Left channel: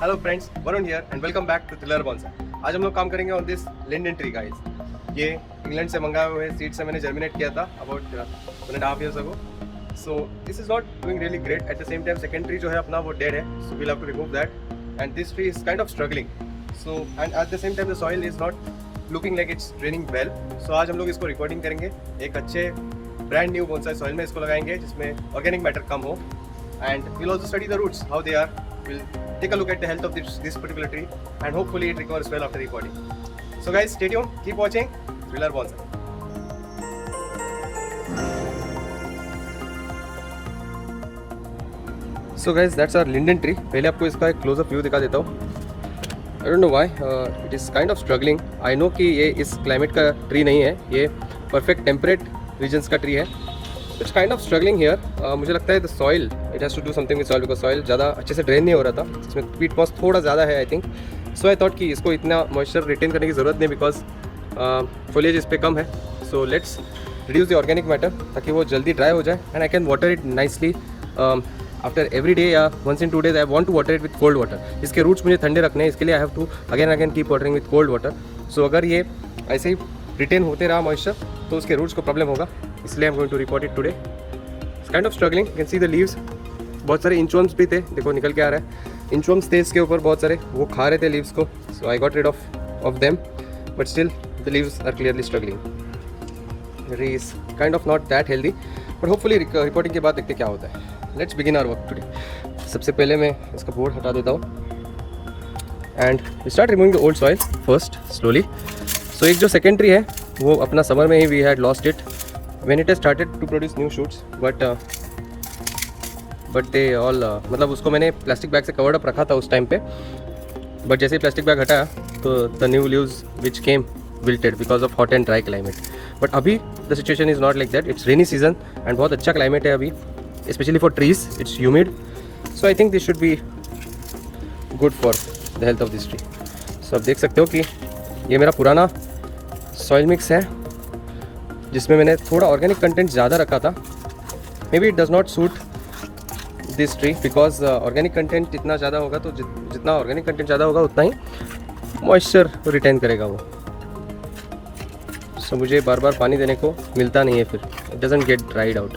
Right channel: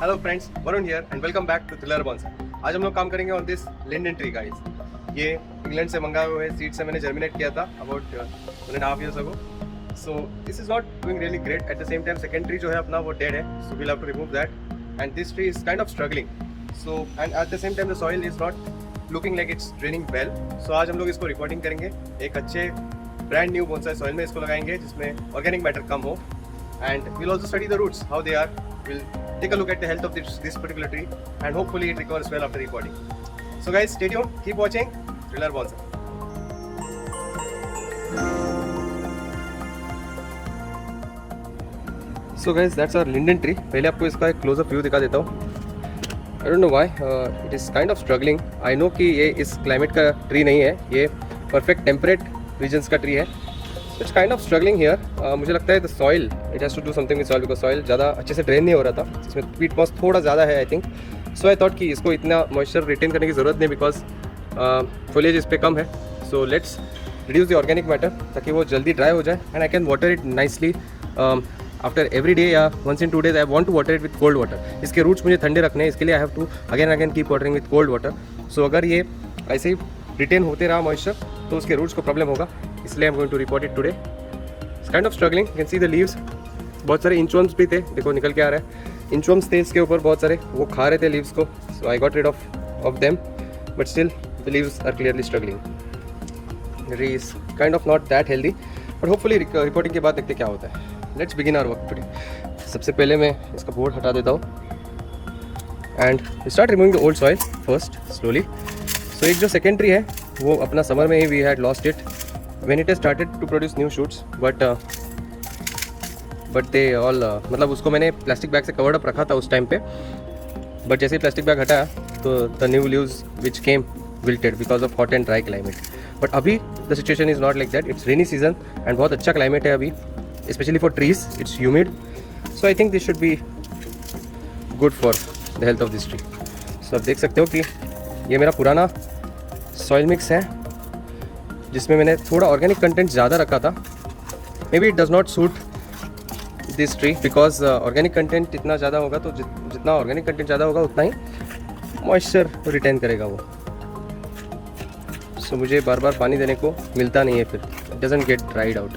Hello friends, Varun here and welcome back to thriller bonsai. आज हम लोग काम करेंगे on this linden tree guys. ये इंग्लैंड से मंगाए हुए सीड से मैंने जर्मिनेट किया था about 1.5 years ago। So this is not doing really great. At the same time second tree जो है अपना वो डेड है, so we have to remove that and this tree is kind of struggling. So and eight the same time the soil is not looking like it's draining well. So आज हम लोग इसको रिपोर्टिंग करेंगे एक अच्छे ब्रांड न्यू बोनसाई सॉइल में इसको लगाएंगे जिसमें ऑर्गेनिक मैटर कम हो and we'll also study the roots, how they are. We'll take a look at the health of this particular tree and hopefully it recovers well after the potting. So guys, stay tuned, keep watching Thriller Bonsai. So guys, that's our linden tree. पहले आपको इसका एक close-up view दिखा देता हूँ. I don't know why it is kind of struggling. I know कि ये इस climate का tree नहीं है, ये perfect temperate regions का tree है. It's kind of struggling here. मुझे लगता है the soil, it has to do something with soil because soil ज़्यादा अच्छे से ड्रेन नहीं हो रहा था. इसमें peat moss थोड़ा ज़्यादा है I think. So I thought कि इसको इतना moisture retain करने की ज़रूरत नहीं because foliage इस पे कम है. So let's reduce the organic matter ताकि वो जल्दी dry हो जाए and I can water it nicely after every day या once in 2 days. I want to water it with cold water. इसके roots मुझे ठंडे रखने हैं, इसके लिए I have to again and again keep watering with cold water. So अगर ये ऐसे ही retain होते रहा moisture तो उसके roots को problem होगा. इसलिए I'm going to report it today. It's kind of struggling. You can see the leaves. बहुत सारे inchworms भी थे, देखो निकल के आ रहा है. Inchworms थे इसके ऊपर बहुत सारे, वो खा रहे थे leaves को. So I got rid of them, but still the leaves are clearly struggling. The tree is kind of not that healthy, but hopefully reporting के बाद देखते क्या होता है. Let's begin our work today. सबसे पहले मैं इसका बोर्ड हटा देता हूँ. And we start removing the old soil first slowly. So एक जो second tree है, वो अपना summer में ही we had lost it. When it has started to produce new shoots, but they all मतलब उसको मैंने प्लास्टिक बैग से कवर्ड अप रखा था उस टाइम पे, बट जैसे ही प्लास्टिक बैग हटाया तो the new leaves which came wilted because of hot and dry climate. But अभी the situation is not like that. It's rainy season and बहुत अच्छा क्लाइमेट है अभी, specially for trees. It's humid, so I think this should be good for the health of this tree. So आप देख सकते हो कि ये मेरा पुराना सॉइल मिक्स है जिसमें मैंने थोड़ा ऑर्गेनिक कंटेंट ज़्यादा रखा था. May be it does not suit this tree because organic content इतना ज़्यादा होगा तो जितना ऑर्गेनिक कंटेंट ज़्यादा होगा उतना ही मॉइस्चर रिटेन करेगा वो. सो मुझे बार बार पानी देने को मिलता नहीं है, फिर it doesn't get dried out.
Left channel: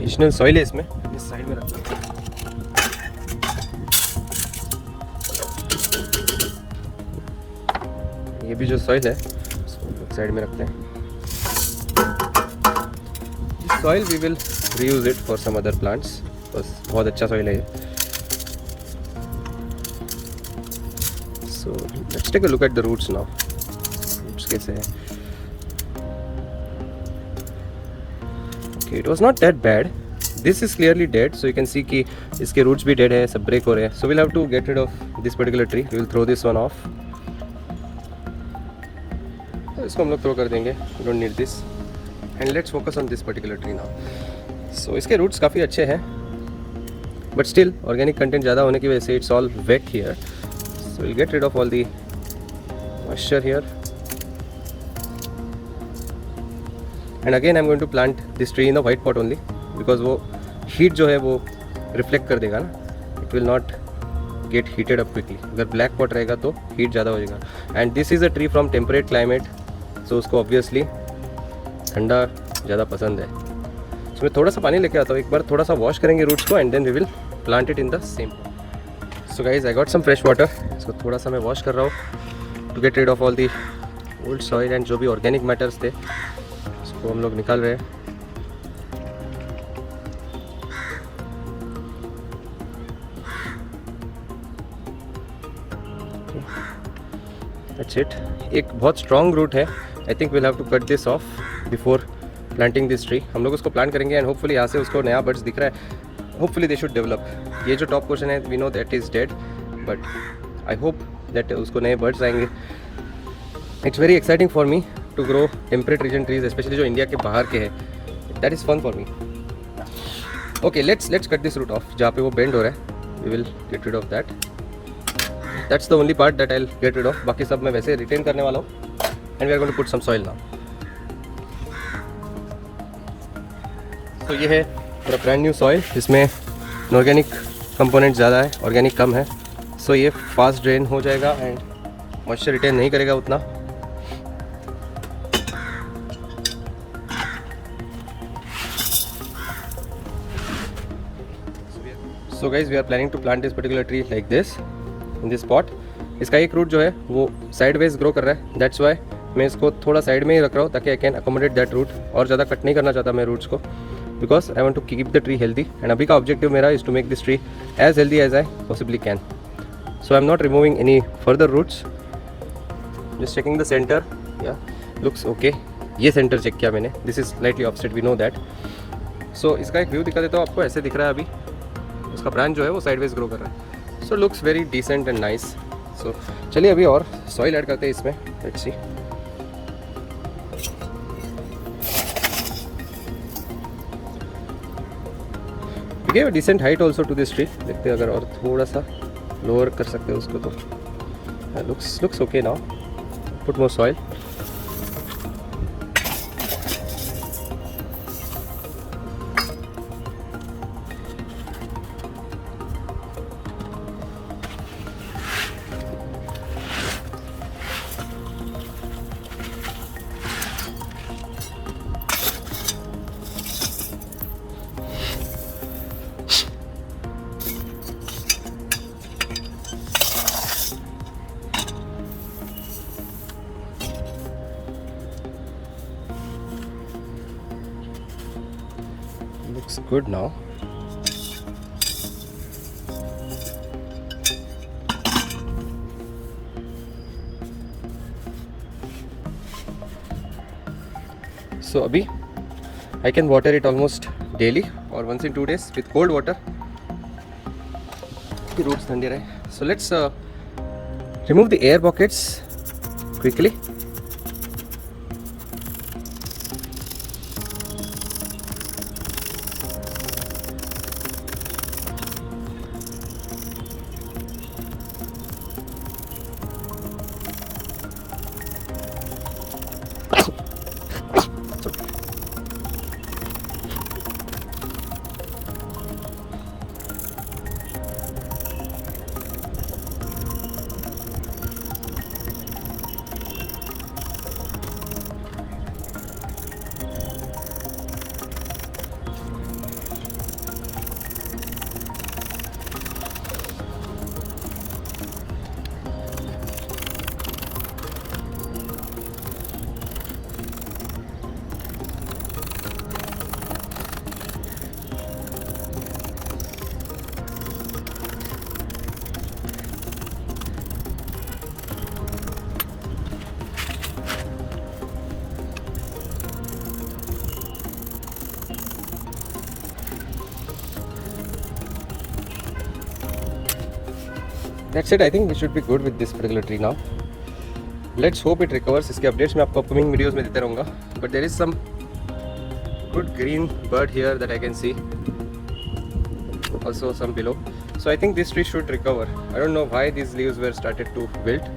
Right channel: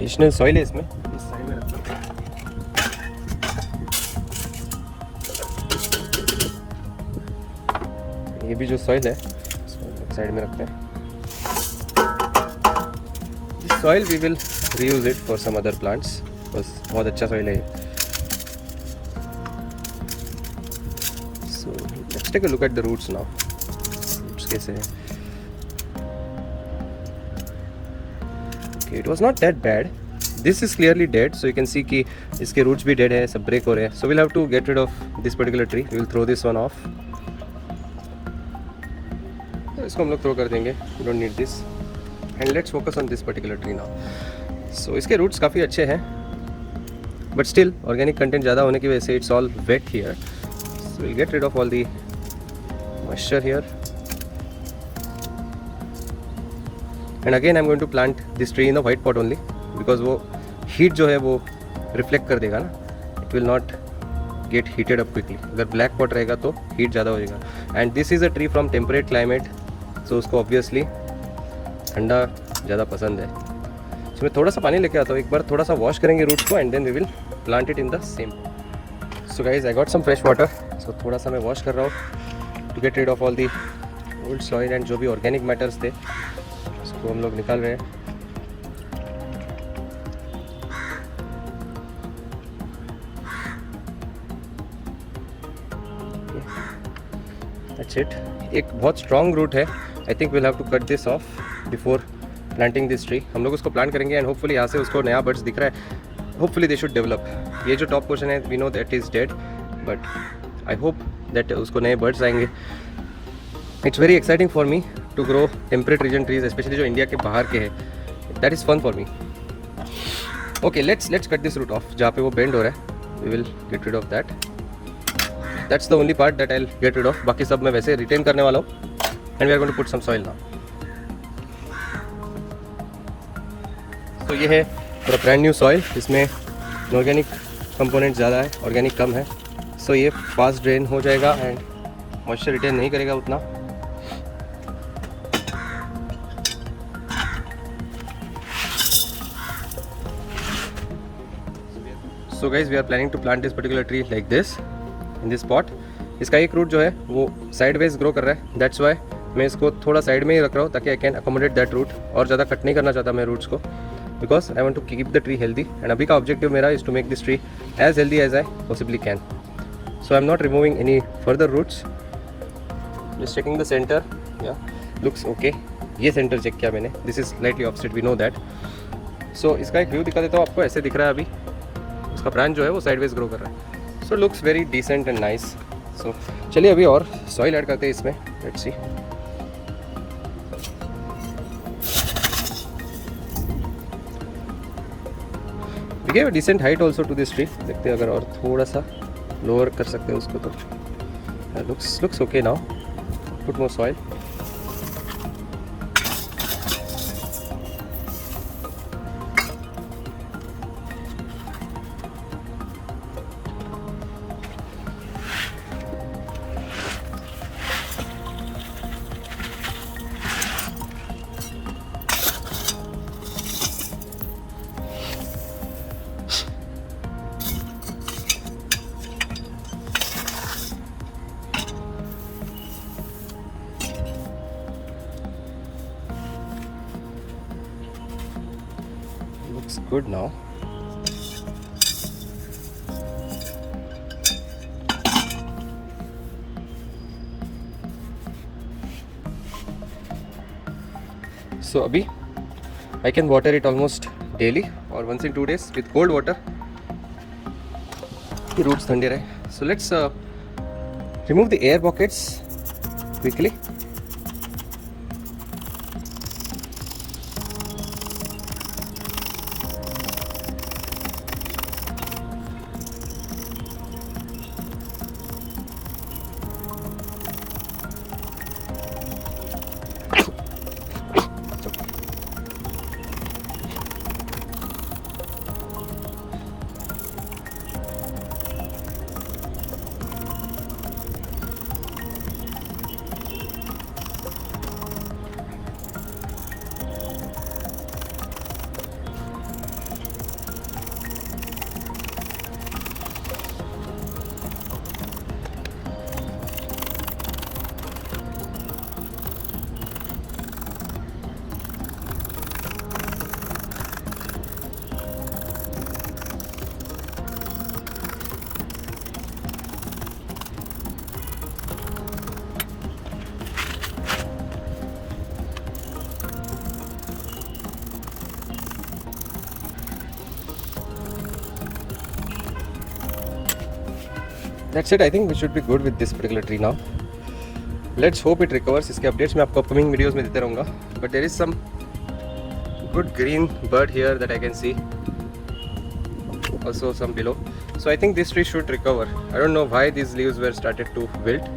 Additional soil है इसमें, इस साइड में रखते हैं. ये भी जो सॉइल है इसको साइड में रखते हैं. Soil we will reuse it for some other plants. बस बहुत अच्छा सॉइल है. So let's take a look at the roots now. Roots कैसे हैं? Okay, it was not that bad. This is clearly dead, so you can see कि इसके roots भी dead है, सब break हो रहे हैं. So we'll have to get rid of this particular tree. We'll throw this one off. इसको हम लोग throw कर देंगे. We don't need this. And let's focus on this particular tree now. So इसके roots काफ़ी अच्छे हैं, but still organic content ज़्यादा होने की वजह से it's all wet here. So we'll get rid of all the moisture here. And again I'm going to plant this tree in a white pot only because वो heat जो है वो reflect कर देगा ना. It will not get heated up quickly. अगर black pot रहेगा तो heat ज़्यादा हो जाएगा. And this is a tree from temperate climate, so उसको obviously ठंडा ज़्यादा पसंद है. So मैं थोड़ा सा पानी लेके आता हूँ, एक बार थोड़ा सा wash करेंगे roots को and then we will plant it in the same pot. So guys, I got some fresh water. So थोड़ा सा मैं wash कर रहा हूँ to get rid of all the old soil and जो भी organic matters थे उसको हम लोग निकाल रहे हैं. That's it. एक बहुत स्ट्रॉन्ग रूट है. I think we'll have to cut this off before planting this tree. हम लोग उसको प्लांट करेंगे एंड होपफुली यहाँ से उसको नया बर्ड्स दिख रहा है. Hopefully they should develop. ये जो टॉप पोर्शन है we know that is dead, but I hope that उसको नए बर्ड्स आएंगे. It's very exciting for me to grow temperate region trees, especially जो इंडिया के बाहर के हैं. That is fun for me. Okay, let's cut this root off. जहाँ पे वो बेंड हो रहा है we will get rid of that. That's the only part that I will get rid of. बाकी सब मैं वैसे रिटेन करने वाला हूँ. And we are going to put some soil now. तो ये है पूरा ब्रांड न्यू सॉइल. इसमें ऑर्गेनिक कंपोनेंट ज़्यादा है, ऑर्गेनिक कम है. सो ये फास्ट ड्रेन हो जाएगा एंड मॉइस्चर रिटेन नहीं करेगा उतना. So guys we are planning to plant this particular tree like this in this pot. इसका एक रूट जो है वो साइडवेज ग्रो कर रहा है. दैट्स वाई मैं इसको थोड़ा साइड में ही रख रहा हूँ ताकि I can accommodate that root. और ज़्यादा कट नहीं करना चाहता मैं रूट्स को, because I want to keep the tree healthy. And अभी का ऑब्जेक्टिव मेरा is to make this tree as healthy as I possibly can. So I am not removing any further roots, just checking the centre. Yeah looks okay. ये centre check किया मैंने. This is slightly opposite, we know that. सो इसका एक व्यू दिखा देता हूँ आपको. ऐसे दिख रहा है अभी. उसका ब्रांच जो है वो साइडवेज ग्रो कर रहा है. So looks very decent and nice. So चलिए अभी और सॉइल ऐड करते हैं इसमें. Let's see. We gave a decent height also to this tree. देखते हैं अगर और थोड़ा सा लोअर कर सकते हैं उसको तो. Looks okay now. Put more soil. Looks good now. So abhi I can water it almost daily or once in 2 days with cold water. The roots thande rahe. So let's remove the air pockets quickly. That's it. I think we should be good with this particular tree now. Let's hope it recovers. इसके updates मैं आपको upcoming videos में देते रहूँगा. But there is some good green bud here that I can see. Also some below. So I think this tree should recover. I don't know why these leaves were started to wilt.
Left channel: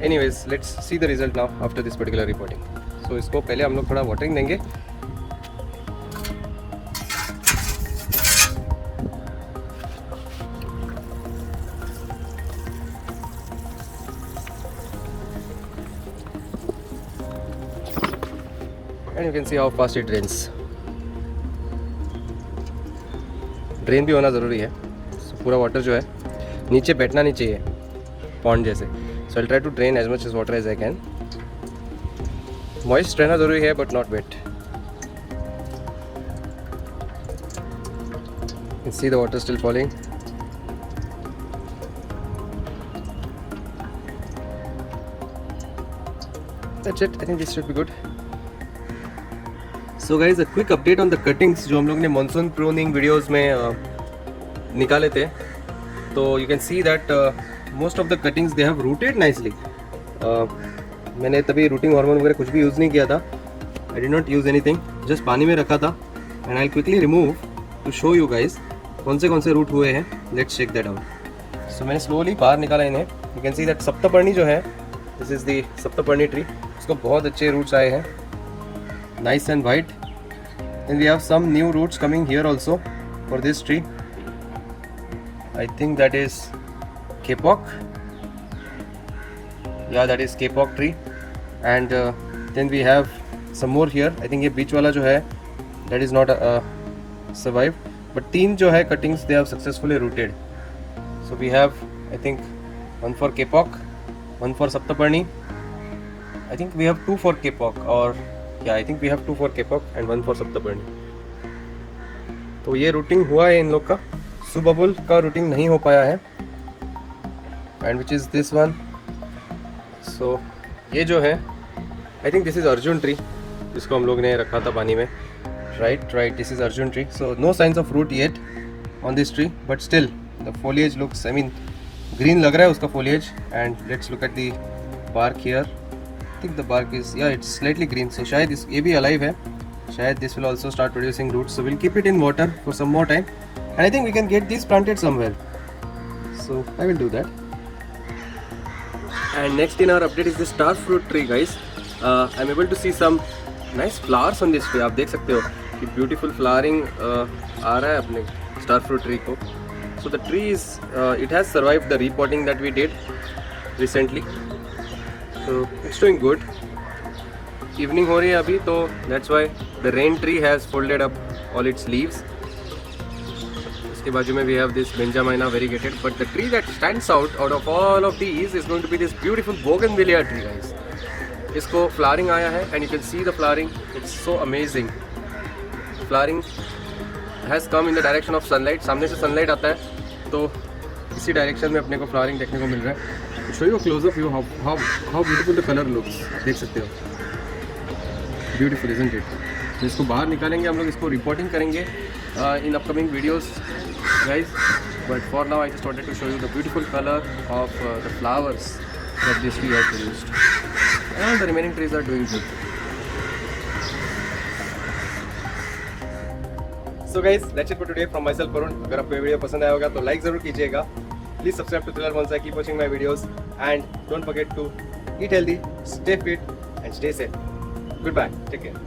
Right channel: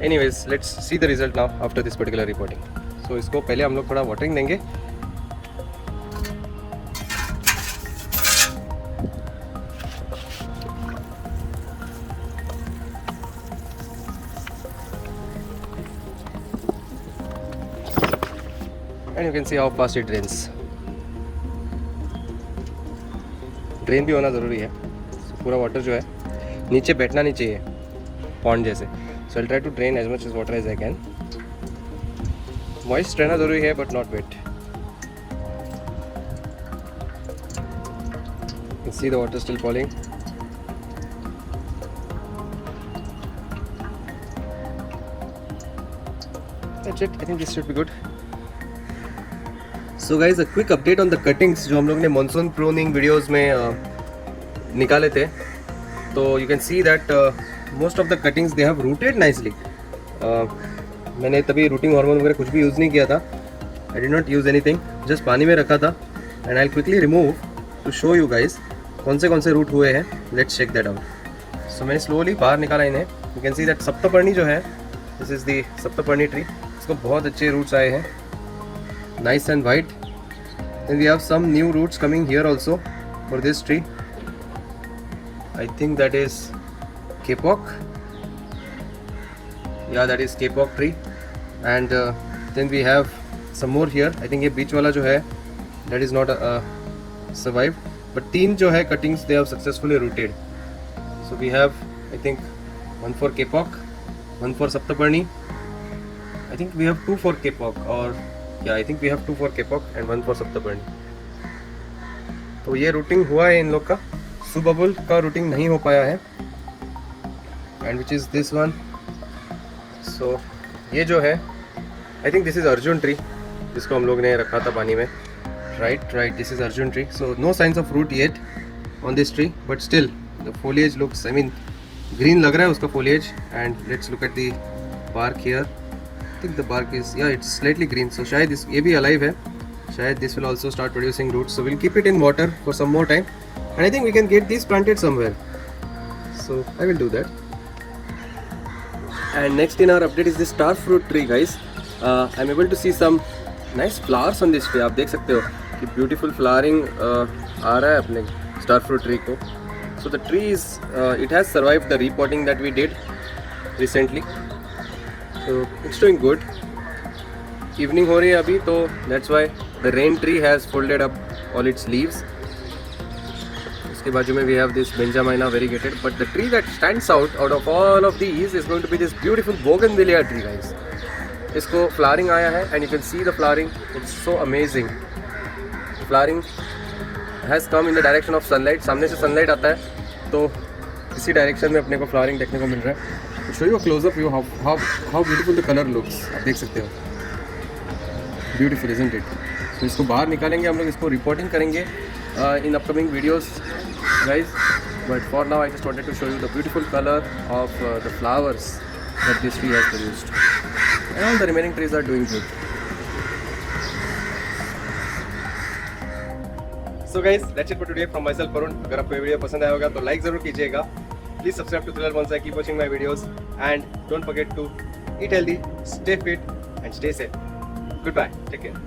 Anyways, let's see the result now after this particular reporting. So इसको पहले हम लोग थोड़ा watering देंगे. And you can see how fast it drains. Drain भी होना ज़रूरी है. So, पूरा वाटर जो है नीचे बैठना नहीं चाहिए पॉन्ड जैसे. So I'll try to drain as much as water as I can. Moist रहना ज़रूरी है but not wet. You can see the water still falling. That's it. I think this should be good. So guys, a quick update on the cuttings जो हम लोग ने monsoon pruning videos में निकाले थे. तो you can see that most of the cuttings they have rooted nicely. मैंने तभी रूटिंग हार्मोन वगैरह कुछ भी यूज़ नहीं किया था. I did not use anything, just पानी में रखा था. And I quickly remove to show you guys कौन से रूट हुए हैं. Let's check that out. So मैंने स्लोली बाहर निकाला इन्हें. You can see that saptaparni जो है, this is the saptaparni tree. इसको बहुत अच्छे रूट्स आए हैं, nice and white. Then we have some new roots coming here also for this tree. I think that is kapok. Yeah, that is kapok tree. And then we have some more here. I think ये बीच वाला जो है that is not survived, but 3 जो है cuttings they have successfully rooted. So we have I think 1 for kapok, 1 for saptaparni. I think we have 2 for kapok, or yeah, I think we have 2 for kapok and 1 for saptaparni. तो ये रूटिंग हुआ है इन लोग का. सुबबुल का रूटिंग नहीं हो पाया है. And which is this one. So, ये जो है I think this is Arjun tree, जिसको हम लोग ने रखा था पानी में. Right, this is Arjun tree. So no signs of root yet on this tree, but still the foliage looks, I mean green लग रहा है उसका foliage. And let's look at the bark here. आई थिंक द bark is, yeah, it's slightly green. So शायद ये भी alive है. शायद this will also start producing roots. So we'll keep it in water for some more time. And I think we can get these planted somewhere. So I will do that. And next in our update is the star fruit tree, guys. I'm able to see some nice flowers on this tree. आप देख सकते हो कि beautiful flowering आ रहा है अपने star fruit tree को. So the tree is, it has survived the repotting that we did recently. So it's doing good. Evening हो रही है अभी, तो that's why the rain tree has folded up all its leaves. उसके बाजू में we have this Benjamina variegated, but the tree that stands out of all of these is going to be this beautiful bougainvillea tree, guys. इसको flowering आया है and you can see the flowering. It's so amazing. Flowering has come in the direction of sunlight. सामने से sunlight आता है तो इसी direction में अपने को flowering देखने को मिल रहा है. To show you a close up view how beautiful the color looks. आप देख सकते हो. Beautiful, isn't it? तो इसको बाहर निकालेंगे हम लोग, इसको रिपोर्टिंग करेंगे in upcoming videos, guys. But for now I just wanted to show you the beautiful color of the flowers that this tree has produced, and the remaining trees are doing good. So guys, that's it for today from myself, Varun. अगर आपको ये वीडियो पसंद आया होगा तो लाइक जरूर कीजिएगा. Please subscribe to Thriller Bonsai. Keep watching my videos and don't forget to eat healthy, stay fit and stay safe. Goodbye. Take care.